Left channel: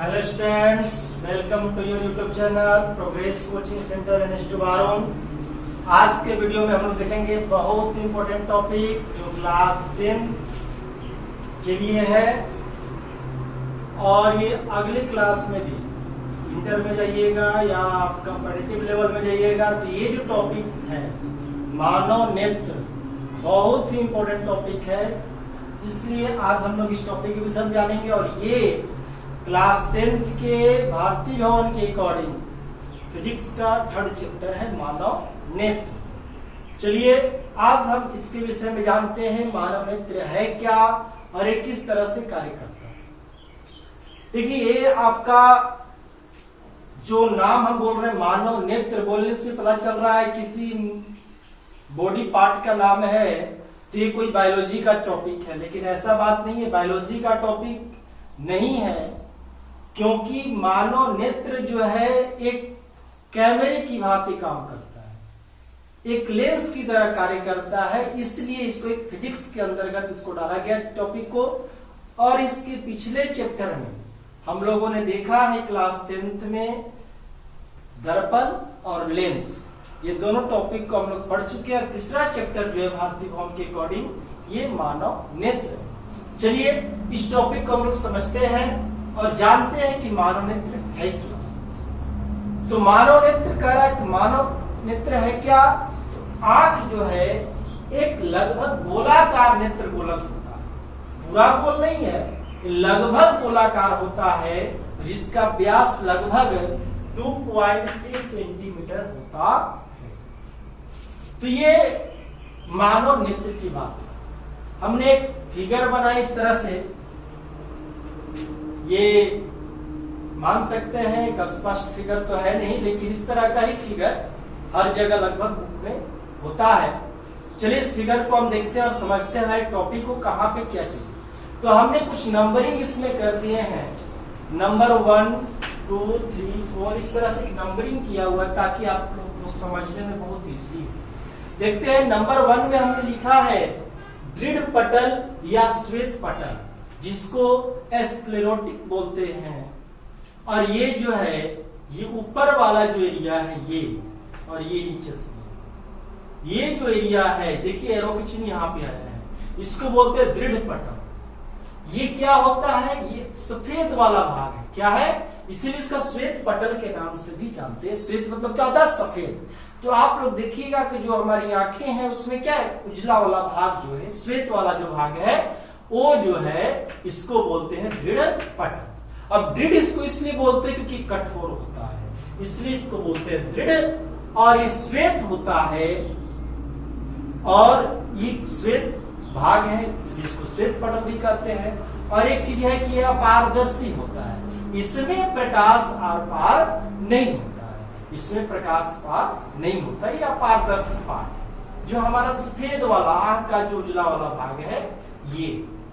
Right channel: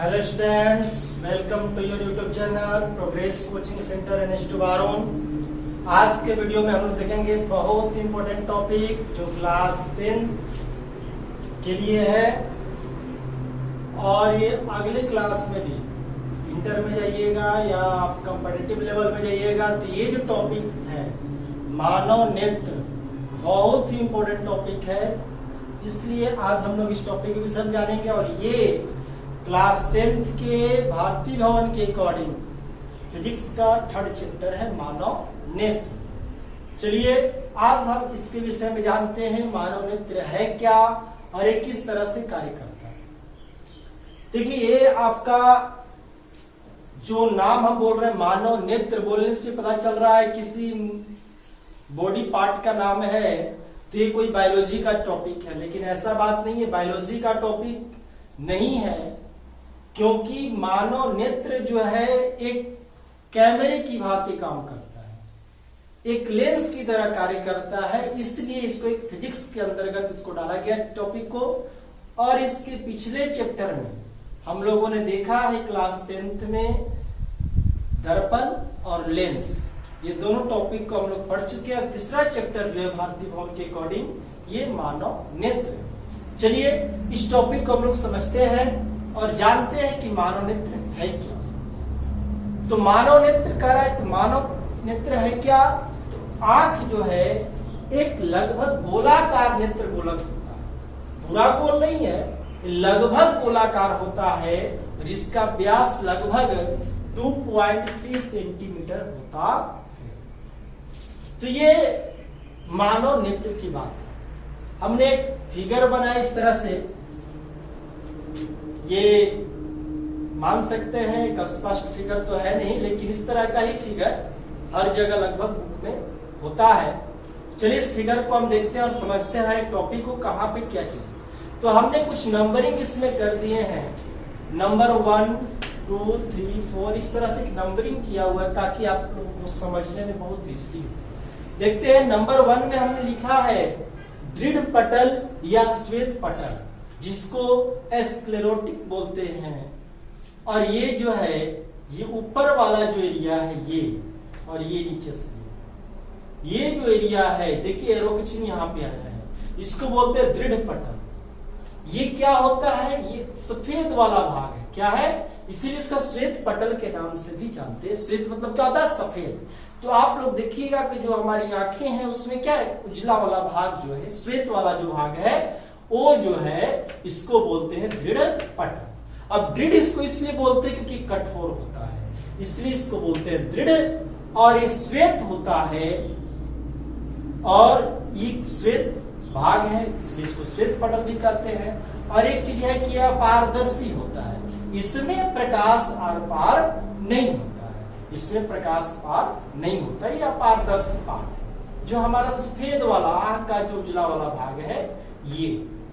Hello students, welcome to your YouTube channel progress coaching centre NH बारोन। आज के video में हम लोग देखेंगे बहुत इंपॉर्टेंट टॉपिक जो क्लास 10 के लिए है और ये अगले क्लास में भी इंटर में जाइएगा या आप कंपेटिटिव लेवल में जाइएगा तो ये जो टॉपिक है मानव नेत्र बहुत ही इंपॉर्टेंट टॉपिक है। इसलिए आज हम लोग इस टॉपिक के विषय में जानेंगे और ये क्लास 10th के भारतीय भवन के अकॉर्डिंग फिजिक्स का 3rd चैप्टर है मानव नेत्र। चलिए आज हम इसके विषय में जानते हैं मानव नेत्र है क्या और ये किस तरह से कार्य करता है। देखिए ये आपका जो नाम हम बोल रहे हैं मानव नेत्र, बोलने से पता चल रहा है किसी बॉडी पार्ट का नाम है तो ये कोई बायोलॉजी का टॉपिक है, लेकिन ऐसा बात नहीं है, बायोलॉजी का टॉपिक नहीं है। क्योंकि मानव नेत्र जो है एक कैमरे की भांति काम करता है, एक लेंस की तरह कार्य करता है, इसलिए इसको एक फिजिक्स के अंतर्गत इसको डाला गया टॉपिक को। और इसके पिछले चैप्टर में हम लोगों ने देखा है क्लास 10th में दर्पण और लेंस, ये दोनों टॉपिक को हम लोग पढ़ चुके हैं। तीसरा चैप्टर जो है भारतीय भवन के अकॉर्डिंग ये मानव नेत्र। चलिए इस टॉपिक को हम लोग समझते हैं और जानते हैं कि मानव नेत्र है क्या। तो मानव नेत्र कह रहा है कि मानव नेत्र है क्या, तो आंख जो है एक लगभग गोलाकार नेत्र गोलक होता है, पूरा गोल नहीं है, लगभग गोलाकार होता है जिसका व्यास लगभग 2.3 सेंटीमीटर होता है। तो ये मानव नेत्र की बात है। हमने एक फिगर बनाई इस तरह से, ये मान सकते हैं एक स्पष्ट फिगर तो है नहीं, लेकिन इस तरह का ही फिगर हर जगह लगभग बुक में होता है। चलिए इस फिगर को हम देखते हैं और समझते हैं टॉपिक को कहाँ पे क्या चीज। तो हमने कुछ नंबरिंग इसमें कर दिए हैं, नंबर 1 2 3 4 इस तरह से नंबरिंग किया हुआ है ताकि आप लोगों को समझने में बहुत इजली हो। देखते हैं नंबर 1 में हमने लिखा है दृढ़ पटल या श्वेत पटल, जिसको स्क्लेरोटिक बोलते हैं। और ये जो है ये ऊपर वाला जो एरिया है ये, और ये नीचे से ये जो एरिया है, देखिए एरो का चिन्ह यहाँ पे आया है, इसको बोलते हैं दृढ़ पटल। ये क्या होता है, ये सफेद वाला भाग है, क्या है, इसीलिए इसका श्वेत पटल के नाम से भी जानते हैं। श्वेत मतलब क्या होता है, सफेद। तो आप लोग देखिएगा कि जो हमारी आंखें हैं उसमें क्या है, उजला वाला भाग जो है, श्वेत वाला जो भाग है वो जो है इसको बोलते हैं दृढ़ पटल। अब दृढ़ इसको इसलिए बोलते हैं क्योंकि कठोर होता है, इसलिए इसको बोलते हैं दृढ़। और ये श्वेत होता है और ये श्वेत भाग है, इसलिए इसको श्वेत पटल भी कहते हैं। और एक चीज है कि यह पारदर्शी होता है, इसमें प्रकाश आर पार नहीं होता है, इसमें प्रकाश पार नहीं होता, यह पारदर्शी पार्ट है। जो हमारा सफेद वाला आंख का जो उजला वाला भाग है ये,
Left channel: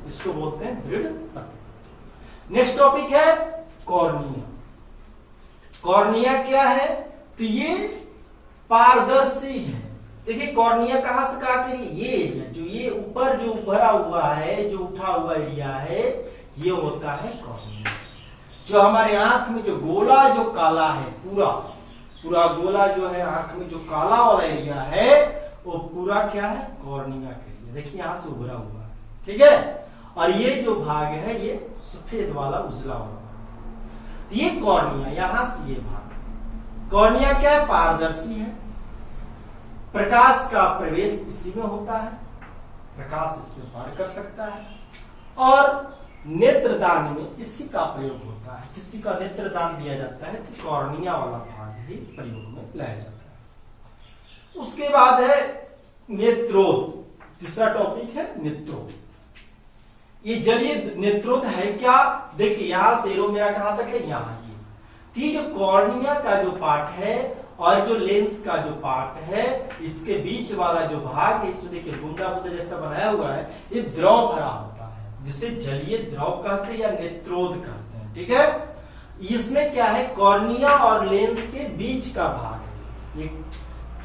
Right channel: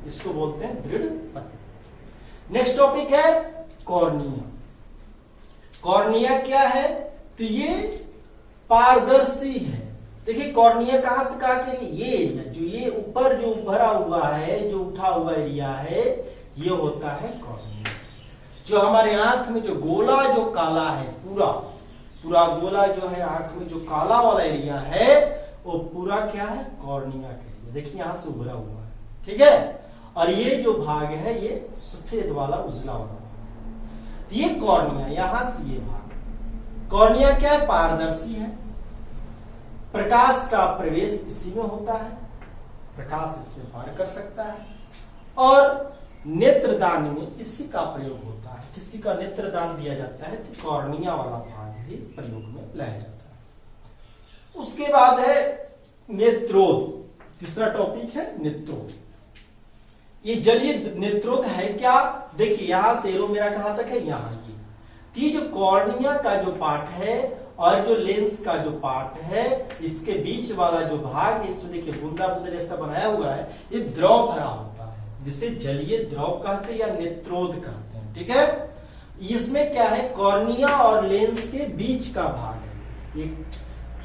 इसको बोलते हैं दृढ़ पटल। नेक्स्ट टॉपिक है कॉर्निया। कॉर्निया क्या है, तो ये पारदर्शी है। देखिए कॉर्निया कहां से कहा कि ये एरिया जो ये ऊपर जो भरा हुआ है, जो उठा हुआ एरिया है, ये होता है कॉर्निया। जो हमारे आंख में जो गोला जो काला है, पूरा गोला जो है आंख में जो काला वाला एरिया है वो पूरा क्या है, कॉर्निया का एरिया। देखिए यहां से उभरा हुआ है, ठीक है। और ये जो भाग है ये सफेद वाला उजला वाला, ये कॉर्निया, यहां से ये भाग। कॉर्निया क्या है, पारदर्शी है, प्रकाश का प्रवेश इसी में होता है, प्रकाश इसमें पार कर सकता है। और नेत्रदान में इसी का प्रयोग होता है, किसी का नेत्रदान दिया जाता है तो कॉर्निया वाला भाग ही प्रयोग में लाया जाता है। उसके बाद है नेत्रोध। तीसरा टॉपिक है नेत्रोध। ये जलीय नेत्रोध है क्या, देखिए यहां से एरो मेरा कहां तक है, यहां ये जो कॉर्निया का जो पार्ट है और जो लेंस का जो पार्ट है, इसके बीच वाला जो भाग है, इसमें देखिए बूंदा बूंदा जैसा बनाया हुआ है, ये द्रव भरा होता है, जिसे जलीय द्रव कहते हैं या नेत्रोध कहते हैं, ठीक है। इसमें क्या है, कॉर्निया और लेंस के बीच का भाग है। ये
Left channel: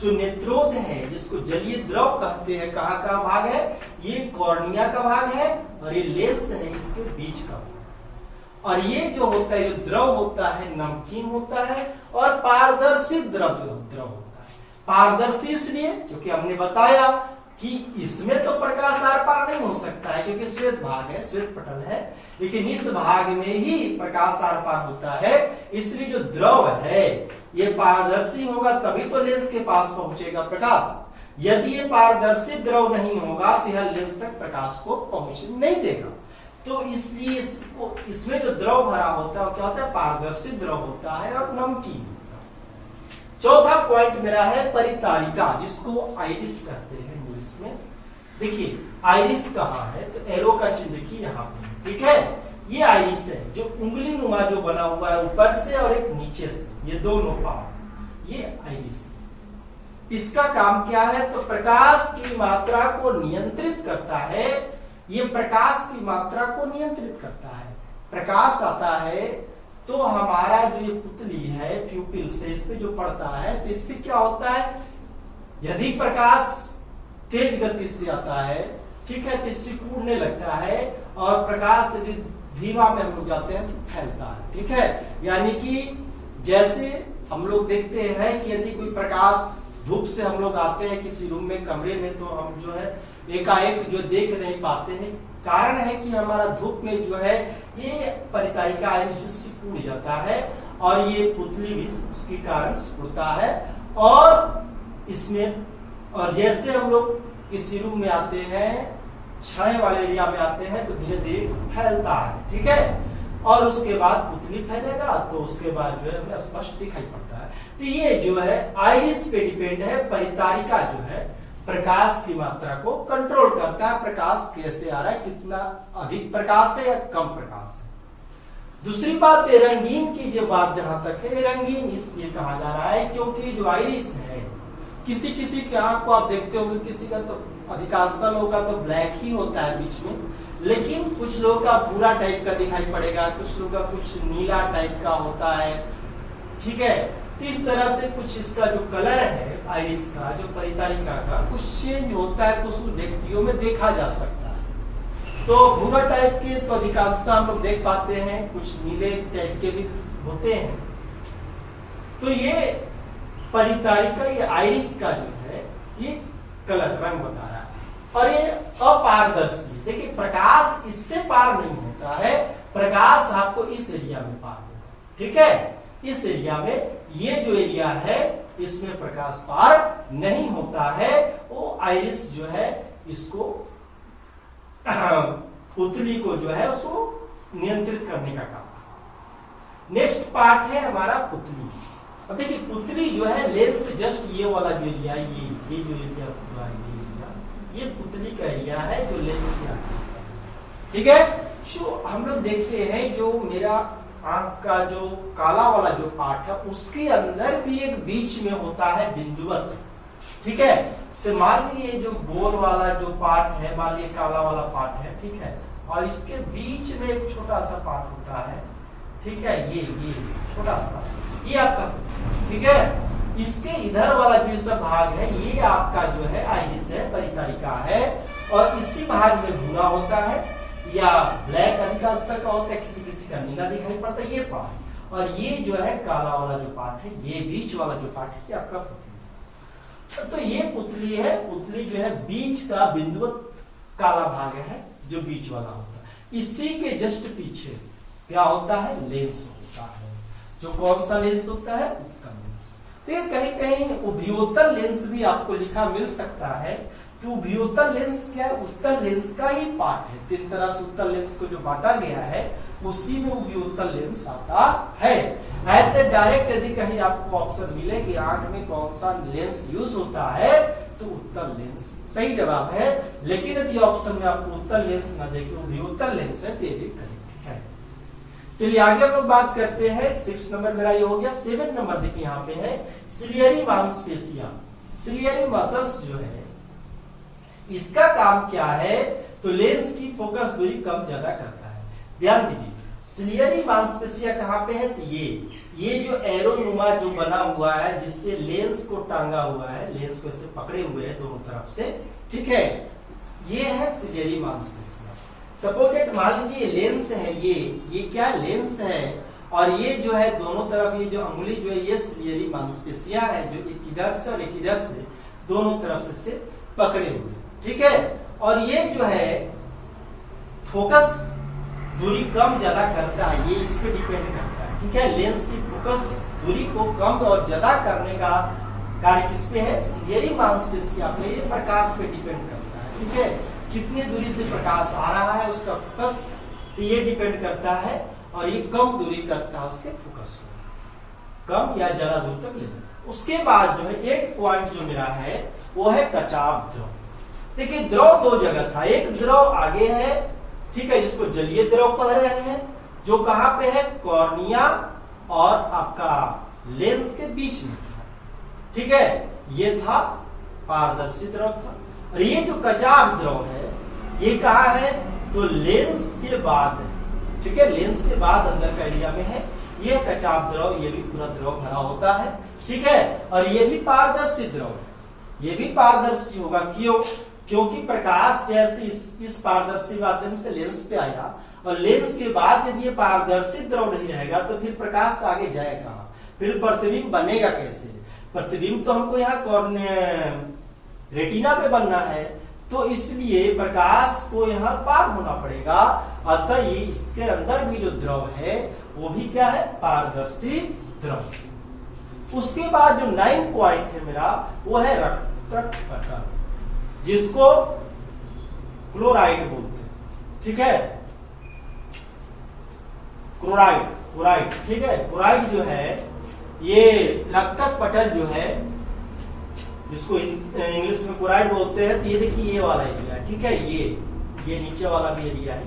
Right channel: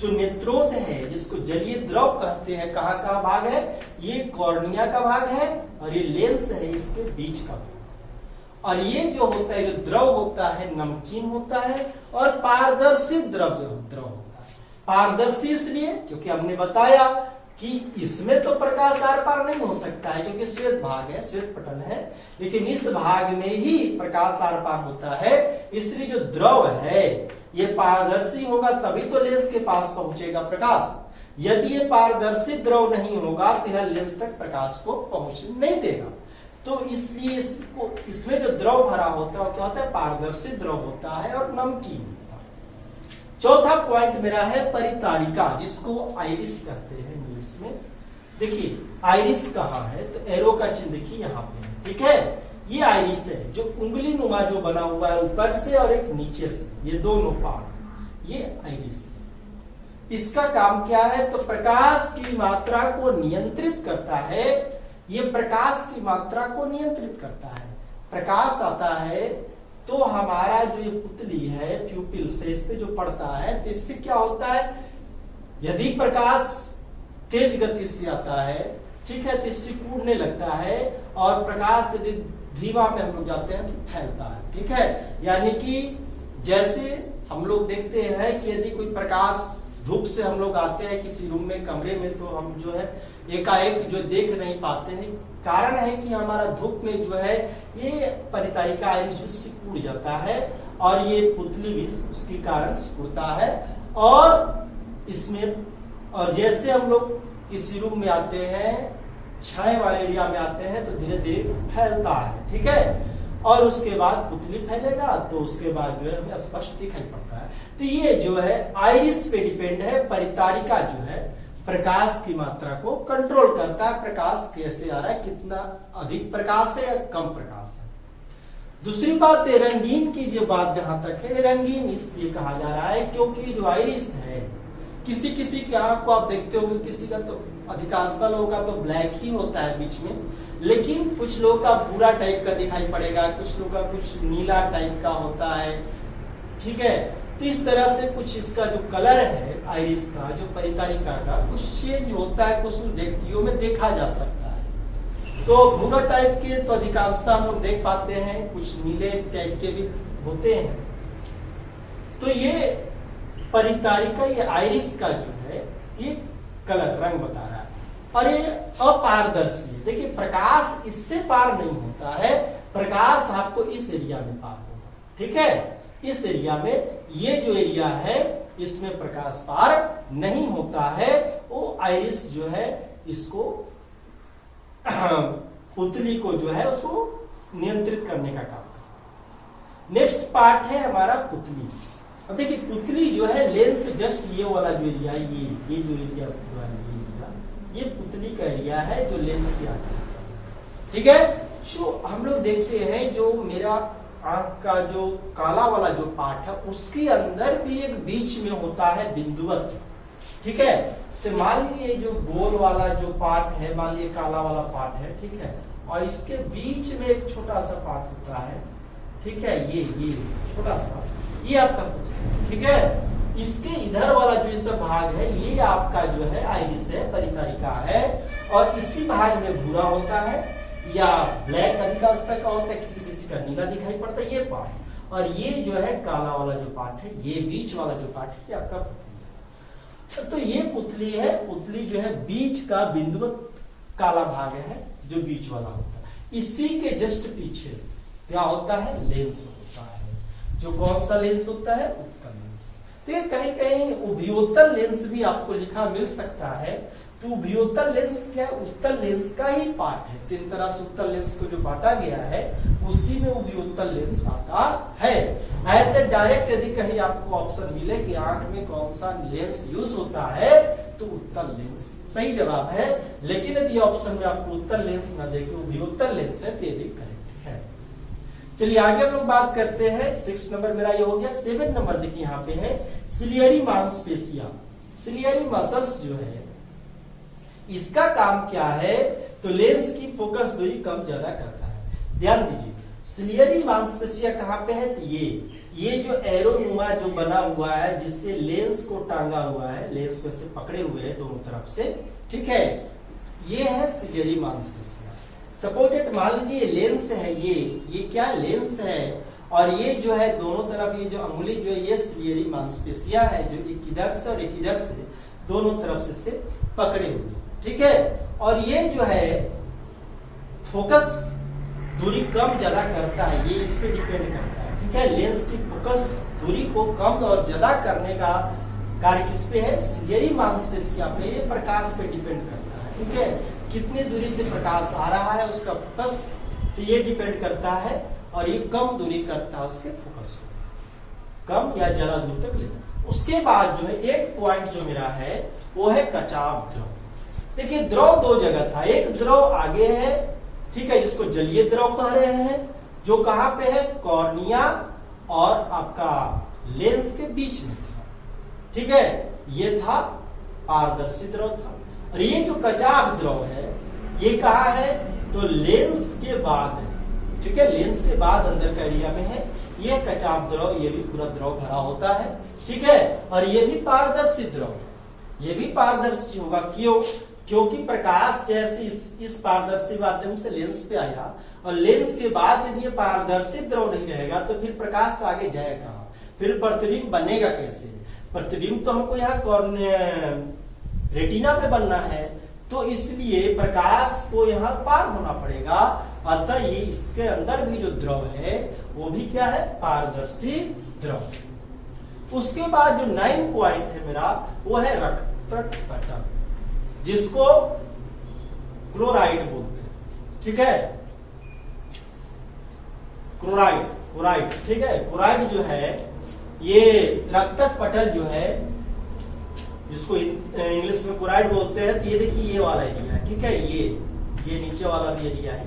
जो नेत्रोध है जिसको जलीय द्रव कहते हैं, कहाँ का भाग है, ये कॉर्निया का भाग है और ये लेंस है इसके बीच का भाग। और ये जो होता है, जो द्रव होता है, नमकीन होता है और पारदर्शी द्रव होता है। पारदर्शी इसलिए क्योंकि हमने बताया कि इसमें तो प्रकाश आर पार नहीं हो सकता है क्योंकि श्वेत भाग है, श्वेत पटल है, लेकिन इस भाग में ही प्रकाश आर पार होता है। इसलिए जो द्रव है ये पारदर्शी होगा तभी तो लेंस के पास पहुंचेगा प्रकाश। यदि ये पारदर्शी द्रव नहीं होगा तो यह लेंस तक प्रकाश को पहुंचने नहीं देगा। तो इसलिए इसमें जो द्रव भरा होता है वो क्या होता है, पारदर्शी द्रव होता है और नमकीन होता है। चौथा पॉइंट मेरा है परितारिका, जिसको आइरिस कहते हैं इंग्लिश में। देखिए आइरिस कहाँ है, तो एरो का चिन्ह देखिए यहाँ पे, ठीक है। ये आइरिस है जो उंगली नुमा जो बना हुआ है ऊपर से और एक नीचे से, ये दोनों पार्ट, ये आइरिस है। इसका काम क्या है, तो प्रकाश की मात्रा को नियंत्रित करता है। ये प्रकाश की मात्रा को नियंत्रित करता है। प्रकाश आता है तो हमारा जो ये पुतली है प्यूपिल से इस पे जो पड़ता है, तो इससे क्या होता है, यदि प्रकाश तेज गति से आता है, ठीक है, तो इससे टूटने लगता है और प्रकाश यदि धीमा में हम जाते हैं तो फैलता है, ठीक है। यानी कि जैसे हम लोग देखते हैं कि यदि कोई प्रकाश धूप से हम लोग आते हैं किसी रूम में, कमरे में, तो हम जो है एकाएक जो देख नहीं पाते हैं। कारण है कि हमारा धूप में जो है ये परितारिका आइरिस सिकुड़ जाता है और ये पुतली भी उसके कारण सिकुड़ता है। और इसमें और जैसे हम लोग किसी रूम में आते हैं, छाए वाले एरिया में आते हैं, तो धीरे धीरे फैलता है, ठीक है। और उसके बाद पुतली फैलेगा तो उसके बाद जो है हमें स्पष्ट दिखाई पड़ता है। तो ये जो है आइरिस पे डिपेंड है। परितारिका जो है प्रकाश की मात्रा को कंट्रोल करता है, प्रकाश कैसे आ रहा है, कितना अधिक प्रकाश है या कम प्रकाश है। दूसरी बात है रंगीन की जो बात जहां तक है, रंगीन इसलिए कहा जा रहा है क्योंकि जो आइरिस है, किसी किसी की आंख को आप देखते होंगे, किसी का तो अधिकांशतः लोगों का तो ब्लैक ही होता है बीच में, लेकिन कुछ लोगों का भूरा टाइप का दिखाई पड़ेगा, कुछ लोगों का कुछ नीला टाइप का होता है, ठीक है। तो इस तरह से कुछ इसका जो कलर है आइरिस का, जो परितारिका का, कुछ चेंज होता है, कुछ व्यक्तियों में देखा जा सकता है। तो भूरा टाइप के तो अधिकांशतः हम लोग देख पाते हैं, कुछ नीले टाइप के भी होते हैं। तो ये परितारिका, ये आइरिस का जो है ये कलर रंग बता रहा है और ये अपारदर्शी। देखिए प्रकाश इससे पार नहीं होता है, प्रकाश आपको इस एरिया में पार होगा, ठीक है। इस एरिया में, ये जो एरिया है इसमें प्रकाश पार नहीं होता है। वो आइरिस जो है इसको पुतली को जो है उसको नियंत्रित करने का काम। नेक्स्ट पार्ट है हमारा पुतली। अब देखिए पुतली जो है लेंस जस्ट ये वाला जो एरिया, ये जो एरिया पूरा ये पुतली का एरिया है जो लेंस के आगे, ठीक है। जो हम लोग देखते हैं जो मेरा आंख का जो काला वाला जो पार्ट है उसके अंदर भी एक बीच में होता है बिंदुवत, ठीक है। से मान लीजिए जो गोल वाला जो पार्ट है, मान लीजिए काला वाला पार्ट है, ठीक है, और इसके बीच में एक छोटा सा पार्ट होता है, ठीक है। ये छोटा सा, ये आपका, ठीक है। इसके इधर वाला जो सब भाग है ये आपका जो है आइरिस है, परितारिका है। और इसी भाग में भूरा होता है या ब्लैक अधिकांशतः का होता है, किसी किसी का नीला दिखाई पड़ता है, ये पार्ट। और ये जो है काला वाला जो पार्ट है, ये बीच वाला जो पार्ट है, ये आपका पुतली। तो ये पुतली है। पुतली जो है बीच का बिंदु काला भाग है जो बीच वाला होता है। इसी के जस्ट पीछे क्या होता है, लेंस होता है। जो कौन सा लेंस होता है, उत्तल लेंस। तो कहीं कहीं उभयोतल लेंस भी आपको लिखा मिल सकता है। तो उभयोतल लेंस क्या है, उत्तल लेंस का ही पार्ट है। तीन तरह से उत्तल लेंस को जो बांटा गया है उसी में उभयोतल लेंस आता है। ऐसे डायरेक्ट यदि कहीं आपको ऑप्शन मिले कि आंख में कौन सा लेंस यूज होता है तो उत्तल लेंस सही जवाब है। लेकिन यदि ऑप्शन में आपको उत्तल लेंस न देखे, उभयोतल लेंस है, तेरे करेक्ट है। चलिए आगे हम लोग बात करते हैं। 6 नंबर मेरा ये हो गया। 7 नंबर देखिए यहाँ पे है सिलियरी मांसपेशियां। सिलियरी मसल्स जो है इसका काम क्या है, तो लेंस की फोकस दूरी कम ज्यादा करता है। ध्यान दीजिए सिलियरी मांसपेशियां कहाँ पे है, तो ये जो एरो नुमा जो बना हुआ है जिससे लेंस को टांगा हुआ है, लेंस को ऐसे पकड़े हुए है दोनों तरफ से, ठीक है, ये है सिलियरी मांसपेशियां। सपोर्टेड मान लीजिए लेंस है, ये क्या लेंस है, और ये जो है दोनों तरफ ये जो अंगुली जो है ये सिलियरी मांसपेशियां है जो एक इधर से और एक इधर से दोनों तरफ से पकड़े हुए, ठीक है। और ये जो है फोकस दूरी कम ज्यादा करता है, ये इस पे डिपेंड करता है, ठीक है। लेंस की फोकस दूरी को कम और ज्यादा करने का कार्य किस पे है, सिलियरी मांसपेशियां पे, ये प्रकाश पे डिपेंड करता है, ठीक है। कितनी दूरी से प्रकाश आ रहा है उसका फोकस तो ये डिपेंड करता है, और ये कम दूरी करता है उसके फोकस को कम या ज्यादा दूर तक ले जाता। उसके बाद जो है 8 पॉइंट जो मेरा है वो है कचाव द्रव। देखिए द्रव दो जगह था, एक द्रव आगे है, ठीक है, जिसको जलीय द्रव कह रहे हैं, जो कहां पे है, कॉर्निया और आपका लेंस के बीच में था, ठीक है। ये था पारदर्शी द्रव था। और ये जो कचाव द्रव है ये कहा है, तो लेंस के बाद है, ठीक है, लेंस के बाद अंदर का एरिया में है। ये कचाव द्रव, ये भी पूरा द्रव भरा होता है, ठीक है। और ये भी पारदर्शी द्रव है, ये भी पारदर्शी होगा, क्यों, क्योंकि प्रकाश जैसे इस पारदर्शी माध्यम से लेंस पे आया, और लेंस के बाद यदि ये पारदर्शी द्रव नहीं रहेगा तो फिर प्रकाश आगे जाए कहां, फिर प्रतिबिंब बनेगा कैसे। प्रतिबिंब तो हमको यहाँ रेटिना पे बनना है, तो इसलिए प्रकाश को यहाँ पार होना पड़ेगा। अतः ये इसके अंदर भी जो द्रव है वो भी क्या है, पारदर्शी द्रव। उसके बाद जो 9 पॉइंट है मेरा वो है रक्तक पटल, जिसको क्लोराइड बोलते हैं, ठीक है, क्लोराइड, ठीक है। क्लोराइड जो है ये रक्तक पटल जो है, जिसको इंग्लिश में क्लोराइड बोलते हैं, तो ये देखिए ये वाला एरिया है, ठीक है, ये नीचे वाला भी एरिया है,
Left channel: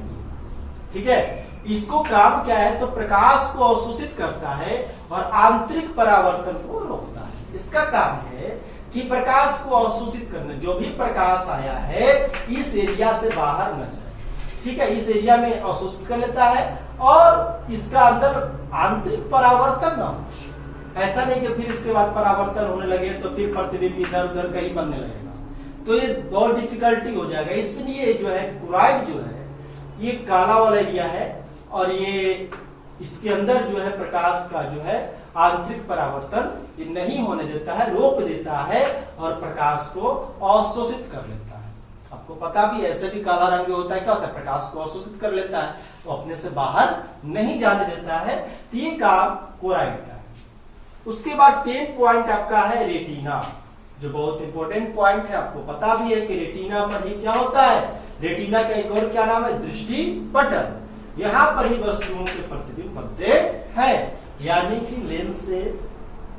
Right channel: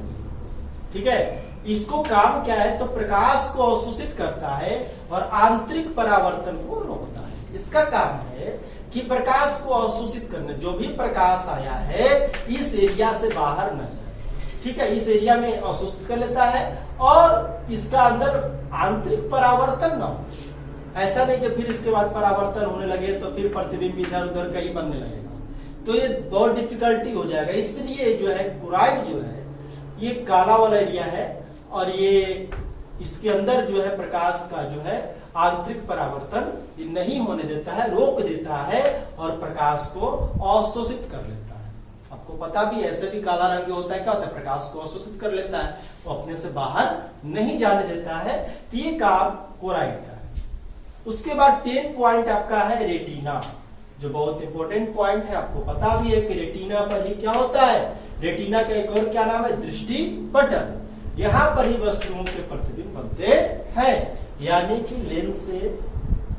ठीक है। इसको काम क्या है, तो प्रकाश को अवशोषित करता है और आंतरिक परावर्तन को रोकता है। इसका काम है कि प्रकाश को अवशोषित करने, जो भी प्रकाश आया है इस एरिया से बाहर न जाए, ठीक है, इस एरिया में अवशोषित कर लेता है, और इसका अंदर आंतरिक परावर्तन न हो। ऐसा नहीं कि फिर इसके बाद परावर्तन होने लगे तो फिर प्रतिबिंब इधर उधर कहीं बनने लगेगा, तो ये बहुत डिफिकल्टी हो जाएगा। इसलिए जो है क्लोराइड जो है ये काला वाला एरिया है, और ये इसके अंदर जो है प्रकाश का जो है आंतरिक परावर्तन ये नहीं होने देता है, रोक देता है, और प्रकाश को अवशोषित कर लेता है। आपको पता भी ऐसे भी काला रंग जो होता है क्या होता है, प्रकाश को अवशोषित कर लेता है, वो अपने से बाहर नहीं जाने देता है। तो ये काम क्लोराइड का है। उसके बाद 10 पॉइंट आपका है रेटिना, जो बहुत इंपॉर्टेंट पॉइंट है। आपको पता भी है कि रेटिना पर ही क्या होता है, रेटिना का एक और क्या नाम है, दृष्टि पटल। यहाँ पर ही वस्तुओं के प्रतिबिंब बनते हैं, यानी कि लेंस से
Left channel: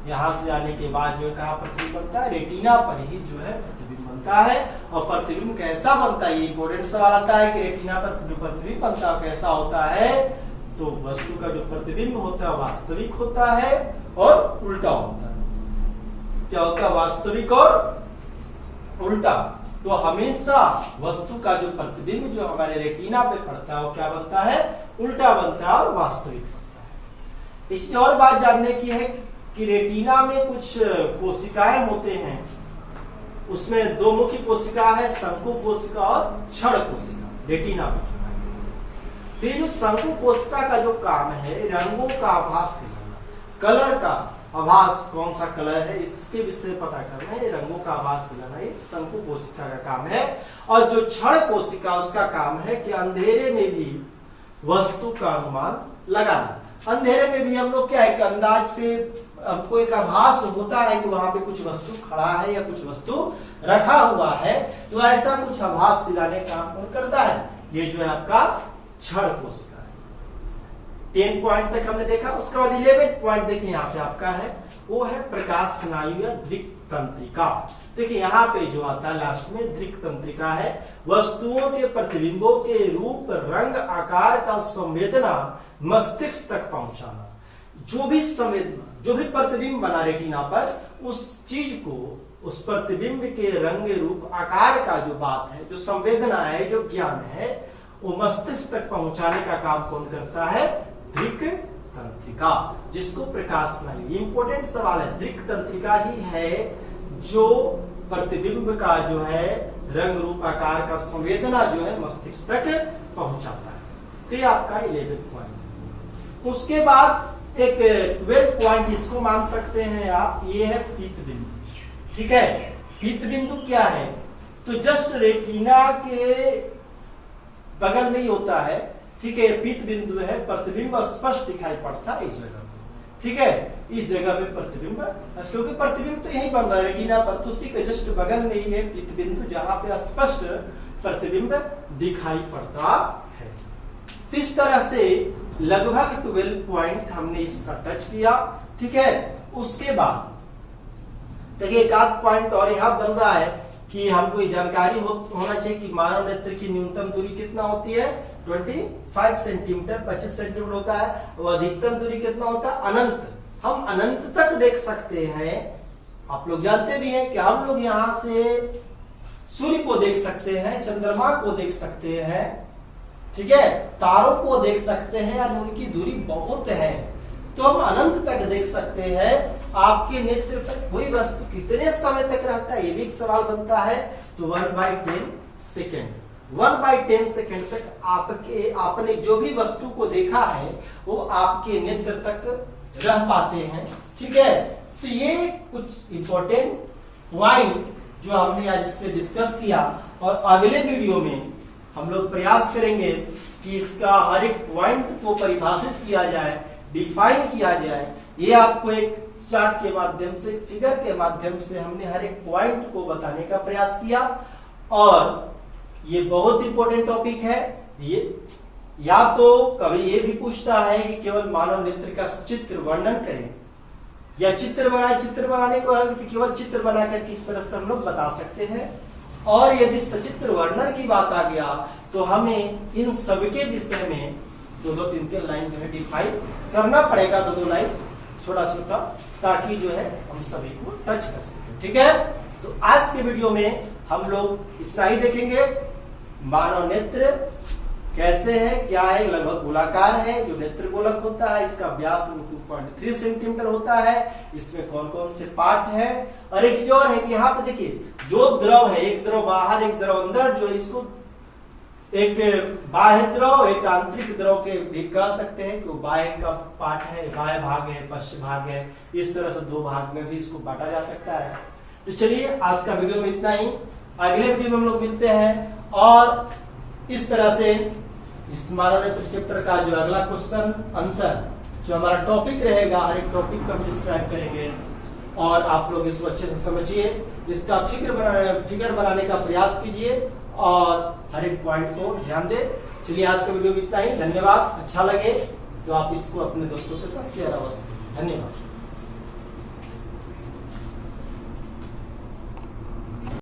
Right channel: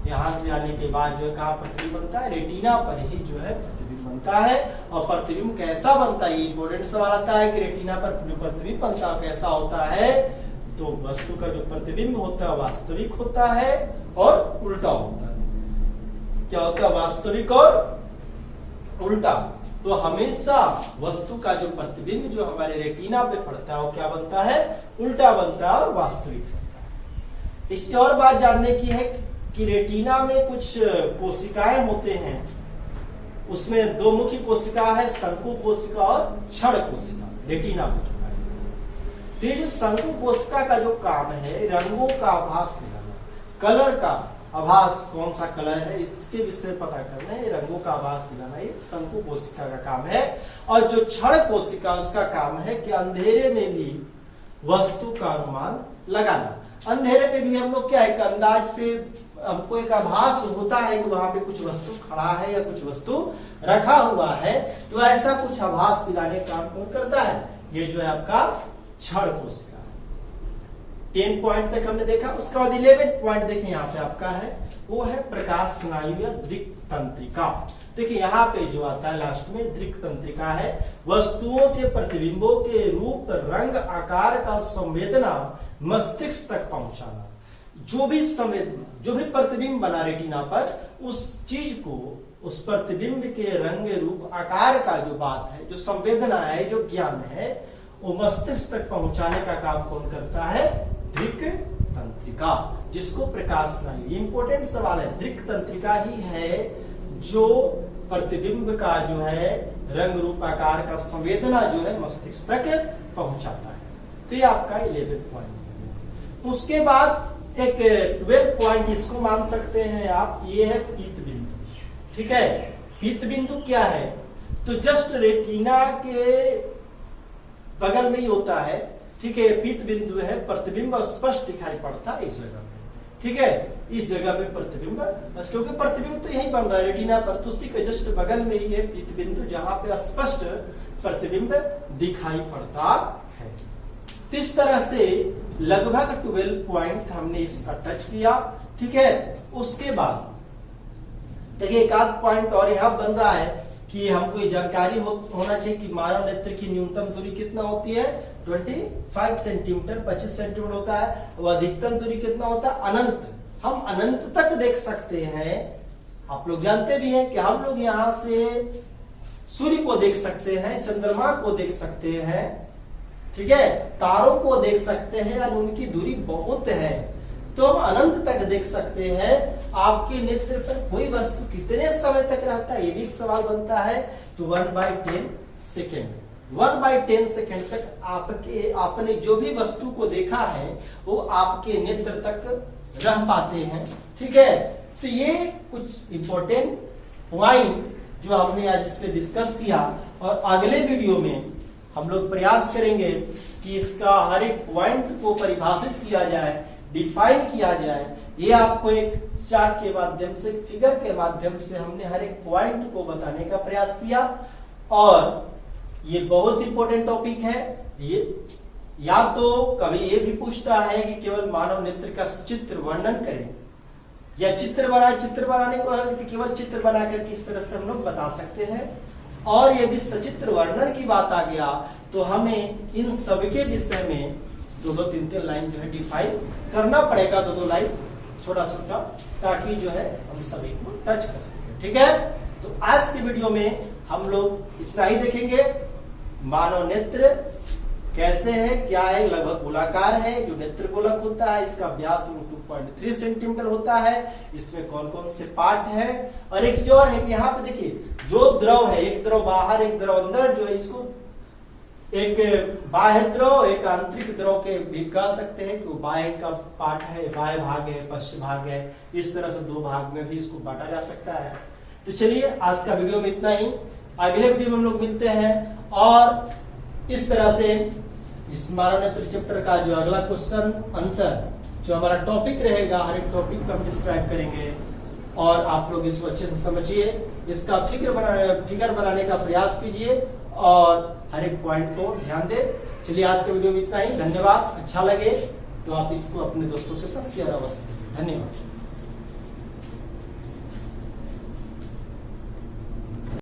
यहां से आने के बाद जो है कहा प्रतिबिंब बनता है, रेटिना पर ही जो है प्रतिबिंब बनता है। और प्रतिबिंब कैसा बनता है, ये इंपॉर्टेंट सवाल आता है कि रेटिना पर जो प्रतिबिंब बनता है कैसा होता है, तो वस्तु का जो प्रतिबिंब होता है वास्तविक होता है और उल्टा होता है। क्या होता है, वास्तविक और उल्टा। तो हमेशा वस्तु का जो प्रतिबिंब जो हमारे रेटिना पे पड़ता है वो क्या बनता है, उल्टा बनता है और वास्तविक बनता है। इससे और बात जानने की है कि रेटिना में कुछ कोशिकाएं होते हैं, उसमें दो मुख्य कोशिका है, शंकु कोशिका और क्षण कोशिका रेटिना में। तो ये जो शंकु कोशिका का जो काम है, रंगों का आभास दिलाना, कलर का आभास, कौन सा कलर है इसके विषय पता करना है, रंगों का आभास दिलाना, ये शंकु कोशिका का काम है। और जो क्षण कोशिका उसका काम है कि अंधेरे में भी वस्तु का अनुमान लगाना। अंधेरे में भी हम लोग क्या है कि अंदाज पे हमको एक आभास होता है कि वहां पे कुछ वस्तु खड़ा है या कुछ वस्तु रखा हुआ है, तो ऐसा कुछ आभास दिलाने का काम कौन करता है, ये जो है आपका क्षण कोशिका। 10 पॉइंट तक हमने देखा। उसके बाद 11 पॉइंट देखिए यहाँ पे आपका है, वो है प्रकाश स्नायु या दृक् तंत्रिका। देखिए यहाँ पे जो आता है लास्ट में दृक् तंत्रिका है, वस्तुओं के प्रतिबिंबों के रूप, रंग, आकार का संवेदना मस्तिष्क तक पहुंचाना। जो भी प्रतिबिंब बना रेटिना पर, उस चीज को, उस प्रतिबिंब के रंग, रूप, आकार का जो बात है, जो संवेदना है, जो ज्ञान है, वो मस्तिष्क तक पहुंचाने का काम कौन करता है, दृक् तंत्रिका, जिसको प्रकाश स्नायु। इंपॉर्टेंट सवाल है, दृक् तंत्रिका ही है जो प्रतिबिंब का जो है रंग रूप आकार का संवेदना जो है मस्तिष्क तक पहुंचाता है। तो ये आपका 11 पॉइंट। उसके बाद एक 12 पॉइंट इसको मान सकते हैं आप, ये है पीत बिंदु। ठीक है, पीत बिंदु क्या है? तो जस्ट रेटिना के बगल में ही होता है। ठीक है, पीत बिंदु है, प्रतिबिंब स्पष्ट दिखाई पड़ता है इस जगह। ठीक है, इस जगह में प्रतिबिंब, क्योंकि प्रतिबिंब तो यही बन रहा है रेटिना पर, तो उसी के जस्ट बगल में ही है पीत बिंदु जहां पे स्पष्ट प्रतिबिंब दिखाई पड़ता है। तो इस तरह से लगभग 12 पॉइंट हमने इसका टच किया। ठीक है, उसके बाद देखिए एक आध पॉइंट और यहां बन रहा है कि हमको ये जानकारी होना चाहिए कि मानव नेत्र की न्यूनतम दूरी कितना होती है, 25 सेंटीमीटर, 25 सेंटीमीटर होता है। और अधिकतम दूरी कितना होता है, अनंत। हम अनंत तक देख सकते हैं। आप लोग जानते भी हैं कि हम लोग यहाँ से सूर्य को देख सकते हैं, चंद्रमा को देख सकते हैं, ठीक है, तारों को देख सकते हैं, और उनकी दूरी बहुत है, तो हम अनंत तक देख सकते हैं। आपके नेत्र पर कोई वस्तु कितने समय तक रहता है, ये भी एक सवाल बनता है। तो 1/10 सेकेंड, 1/10 सेकेंड तक आपने जो भी वस्तु को देखा है वो आपके नेत्र तक रह पाते हैं। ठीक है, तो ये कुछ इंपॉर्टेंट पॉइंट जो हमने आज इस पे डिस्कस किया, और अगले वीडियो में हम लोग प्रयास करेंगे कि इसका हर एक पॉइंट को परिभाषित किया जाए, डिफाइन किया जाए। ये आपको एक चार्ट के माध्यम से, फिगर के माध्यम से हमने हर एक पॉइंट को बताने का प्रयास किया, और ये बहुत इंपॉर्टेंट टॉपिक है। ये या तो कभी ये भी पूछता है कि केवल मानव नेत्र का चित्र वर्णन करें, या चित्र बनाए, चित्र बनाने को केवल चित्र बनाकर किस तरह से हम लोग बता सकते हैं। और यदि सचित्र वर्णन की बात आ गया तो हमें इन सबके विषय में 2-2, 3-3 लाइन जो है डिफाइन करना पड़ेगा, 2-2 लाइन छोटा छोटा, ताकि जो है हम सभी को टच कर सके। ठीक है, तो आज के वीडियो में हम लोग इतना ही देखेंगे। मानव नेत्र कैसे है, क्या है, लगभग गोलाकार है। जो नेत्र गोलक होता है इसका व्यास 2.3 सेंटीमीटर होता है। इसमें कौन कौन से पार्ट है, और एक चीज और है कि यहाँ पे देखिए जो द्रव है, एक द्रव बाहर एक द्रव अंदर, जो है इसको एक बाह्य द्रव एक आंतरिक द्रव के भी कह सकते हैं कि वो बाह्य का पार्ट है, बाह्य भाग है, पश्चिम भाग है। इस तरह से 2 भाग में भी इसको बांटा जा सकता है। तो चलिए आज का वीडियो में इतना ही, अगले वीडियो में हम लोग मिलते हैं, और इस तरह से इस मानव नेत्र चैप्टर का जो अगला क्वेश्चन आंसर जो हमारा टॉपिक रहेगा, हर एक टॉपिक को हम डिस्क्राइब करेंगे, और आप लोग इसको अच्छे से समझिए, इसका फिगर बनाने का प्रयास कीजिए, और हर एक पॉइंट को ध्यान दें। चलिए आज का वीडियो में इतना ही, धन्यवाद। अच्छा लगे तो आप इसको अपने दोस्तों के साथ शेयर अवश्य करिए। धन्यवाद।